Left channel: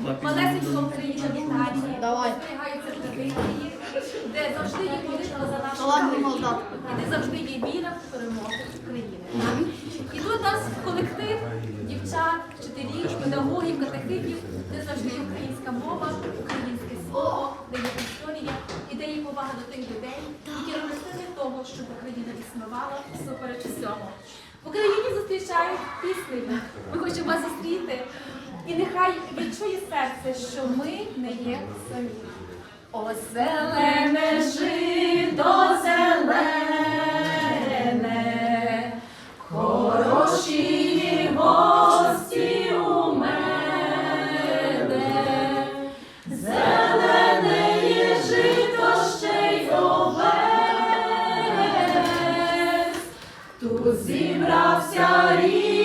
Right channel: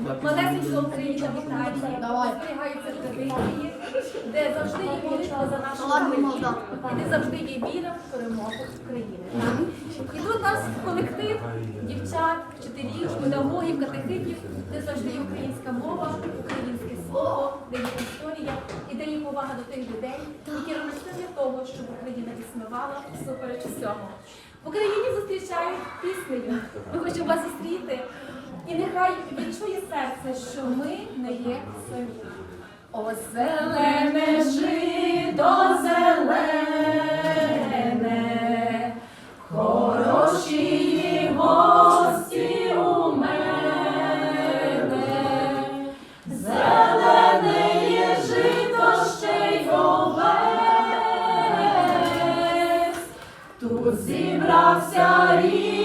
малесенька Україна в Італії, де зберігаються традиції, де завжди є молитва за нашу країну, і де завжди є віра в перемогу України. І тут у нас колектив дівчат, вчителів, педагогів, катехитів, де завжди є українська мова, українське слово, де є історія і де є повага до тих людей, які ронесли для того, щоб Україна існувала всупереч всьому. В Україні зустрічають піснею. Ми хочемо вас зустріти. І нехай відчує серце, що ми не є самі. О, зелене жито зелене, хороші гості у мене, зелене є жито ще й овець, тут зібрався рід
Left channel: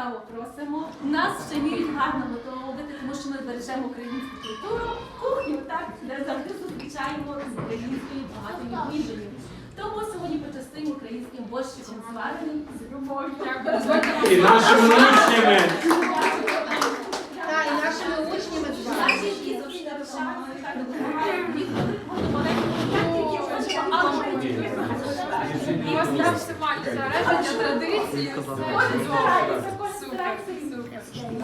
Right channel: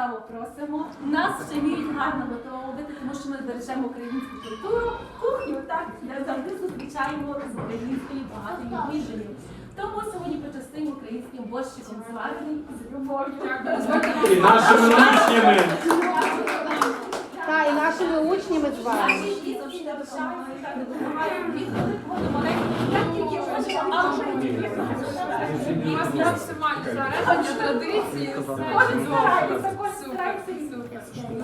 Ласкаво просимо. Нас ще вміють гарно готувати, тому що ми бережемо українську культуру, кухню, так, де завжди зустрічаємо з українською багатою їжею. Тому сьогодні почастимо українським борщиком зварений з любов'ю. І нашими учнями. І нашими учнями. Наші діти завжди допомагають, але вже У вас є максимальне збереження традиції. Кожен старається, кожен старається.